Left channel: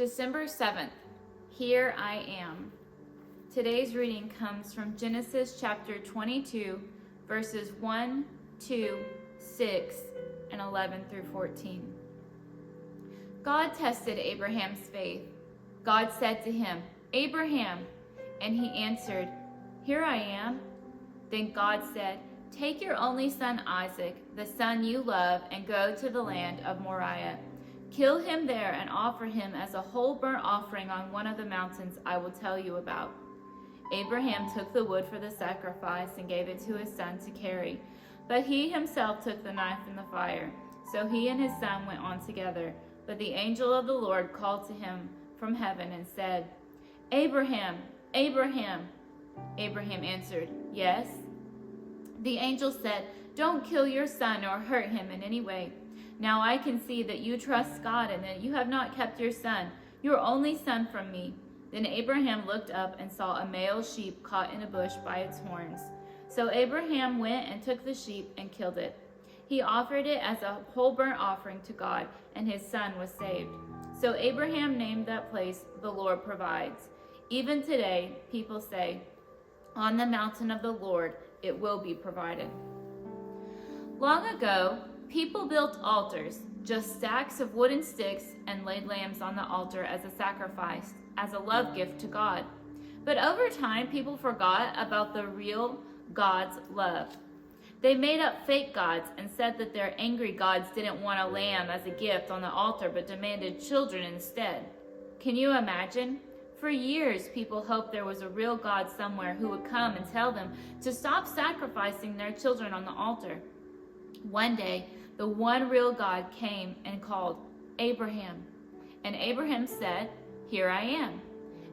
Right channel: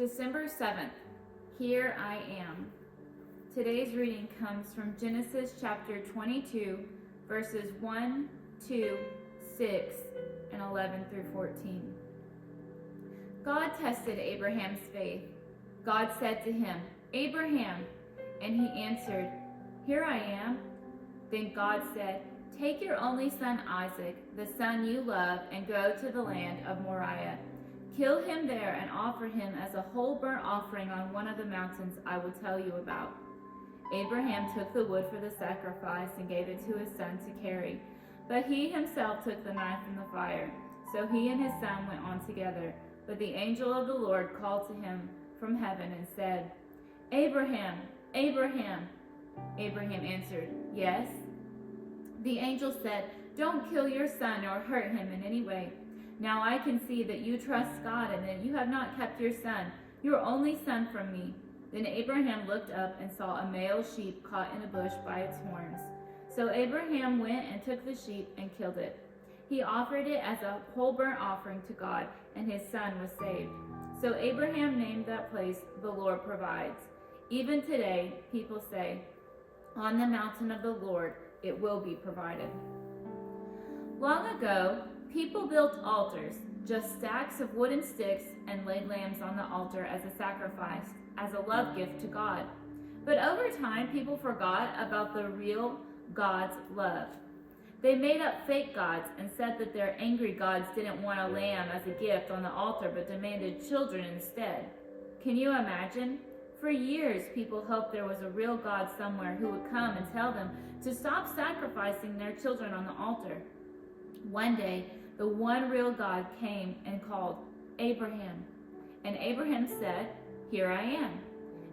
December 7th, Here I Am. Today's reading comes from Genesis chapter 22, verses 1, 2, 6, and 11 through 14. God tested Abraham's faith. God said to him, "Abraham," and he answered, "Here I am." Then God said, "Take your only son Isaac, the son you love, and go to the land of Moriah. Kill him there and offer him as a whole burnt offering on one of the mountains I will tell you about." Abraham took the wood for the sacrifice and gave it to his son to carry. But he himself took the knife from the fire. So he and his son went on together. But the angel of the Lord called to him from heaven and said, "Abraham, Abraham." Abraham answered, "Yes." The angel said, "Don't kill your son or hurt him in any way. Now I can see that you trust God and that you have not kept your son, your only son, from me." Then Abraham looked up and saw a male sheep caught in a bush by its horns. So Abraham went and took the sheep and killed it. He offered it as a whole burnt offering to God, and his son was saved. So Abraham named that place, "The Lord Provides." Even today, people say, "On the mountain of the Lord it will be provided." Long ago, people built altars, just stacks of wooden sticks, and laid lambs on the altar as a sacrifice, as a love gift to God. But over time, people forgot about the real God's love. They made up fake gods and said that their angry gods didn't want a lamb as a gift on the altar but demanded children instead. Can you imagine? For years, people hoped there was a real God somewhere who would come and tell them to stop sacrificing their children on the altar. One day, the one real God came and called, "Abraham." And Abraham said, "Here I am."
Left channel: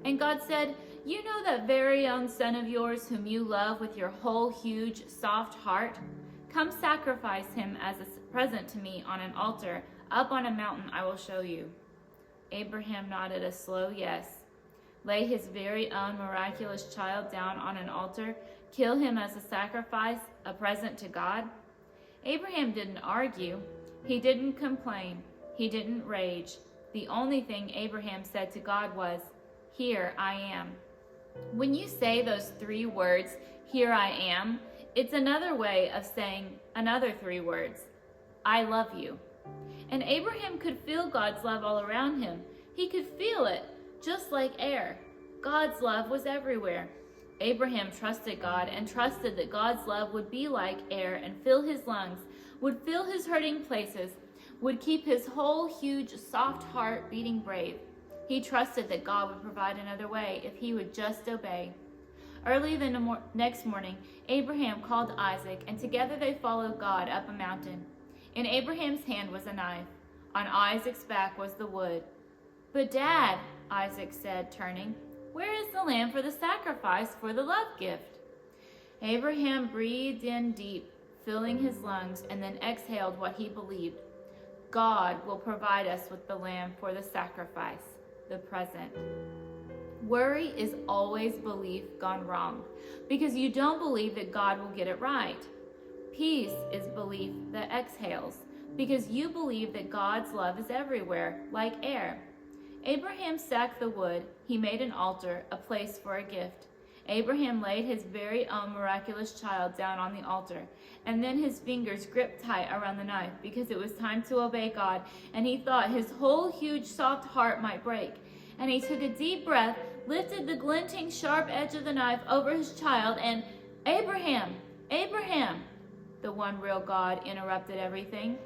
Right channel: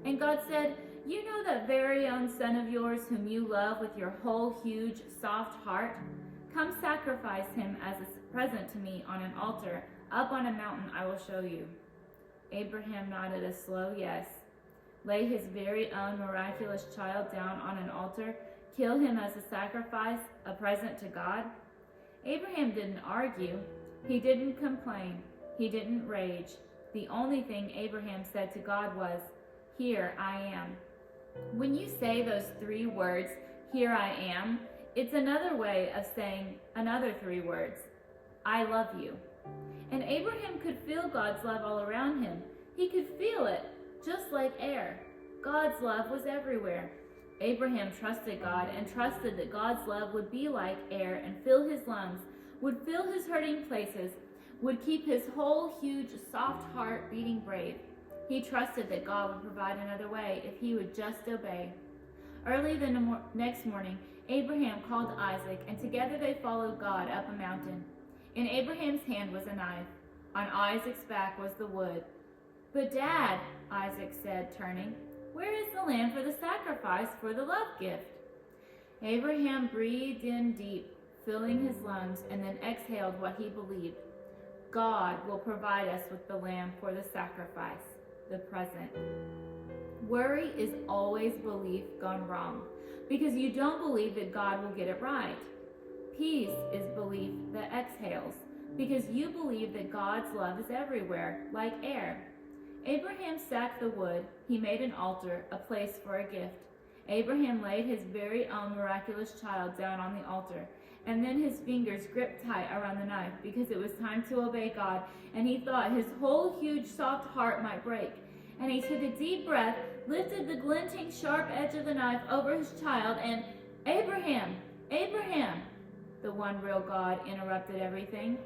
And God said, "You know that very own son of yours whom you love with your whole huge, soft heart? Come sacrifice him as a present to me on an altar up on a mountain I will show you." Abraham nodded a slow yes. Lay his very own miraculous child down on an altar, kill him as a sacrifice, a present to God? Abraham didn't argue. He didn't complain. He didn't rage. The only thing Abraham said to God was, "Here I am." When you say those three words, "Here I am," it's another way of saying another three words, "I love you." And Abraham could feel God's love all around him. He could feel it, just like air. God's love was everywhere. Abraham trusted God and trusted that God's love would be like air and fill his lungs, would fill his hurting places, would keep his whole huge soft heart beating brave. He trusted that God would provide another way if he would just obey. Early the next morning, Abraham called Isaac, and together they followed God up a mountain. In Abraham's hand was a knife. On Isaac's back was the wood. "But Dad," Isaac said, turning, "where is the lamb for the sacrifice for the love gift?" Abraham breathed in deep, filling his lungs, and then exhaled what he believed. God will provide us with the lamb for the sacrifice, the present. Worry is always belief gone wrong, because you don't believe that God will get it right. Peace is belief that exhales, because you believe that God's love is everywhere, like air. Abraham stacked the wood. He made an altar, a place for a gift. Abraham laid his very own miraculous child down on the altar, and then his fingers gripped tight around the knife because it was time to obey God, and he thought his whole huge soft heart might break. And he took a deep breath, lifted the glinting sharp edge of the knife over his child, and "Abraham, Abraham!" The one real God interrupted everything,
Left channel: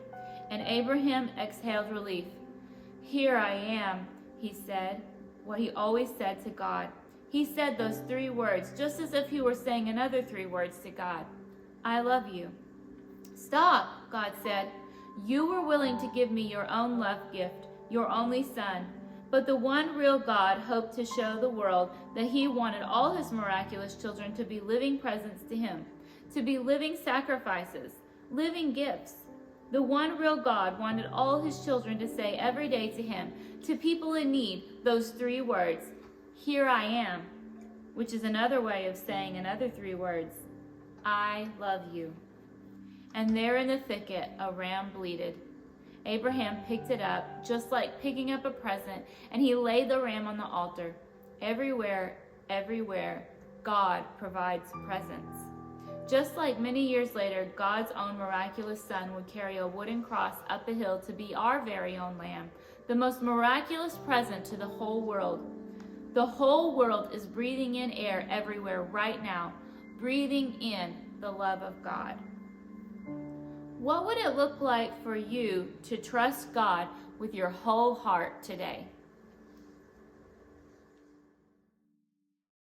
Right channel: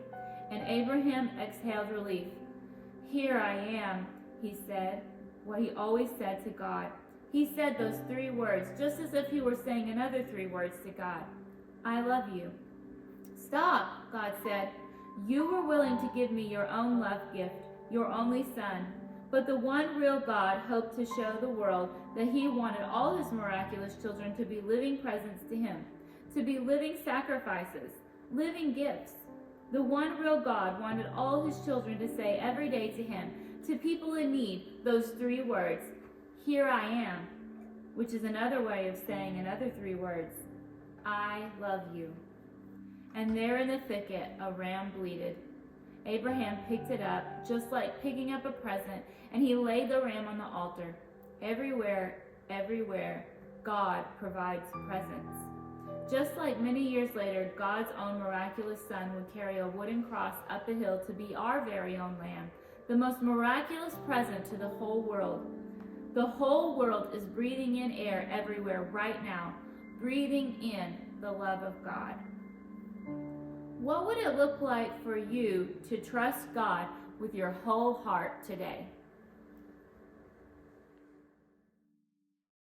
and Abraham exhaled relief. "Here I am," he said, what he always said to God. He said those three words just as if he were saying another three words to God. "I love you." "Stop," God said. "You were willing to give me your own love gift, your only son. But the one real God hoped to show the world that he wanted all his miraculous children to be living presents to him, to be living sacrifices, living gifts. The one real God wanted all his children to say every day to him, to people in need, those three words, "Here I am," which is another way of saying another three words, "I love you." And there in the thicket, a ram bleated. Abraham picked it up, just like picking up a present, and he laid the ram on the altar. Everywhere, God provides presents. Just like many years later, God's own miraculous Son would carry a wooden cross up a hill to be our very own lamb, the most miraculous present to the whole world. The whole world is breathing in air everywhere right now, breathing in the love of God. What would it look like for you to trust God with your whole heart today?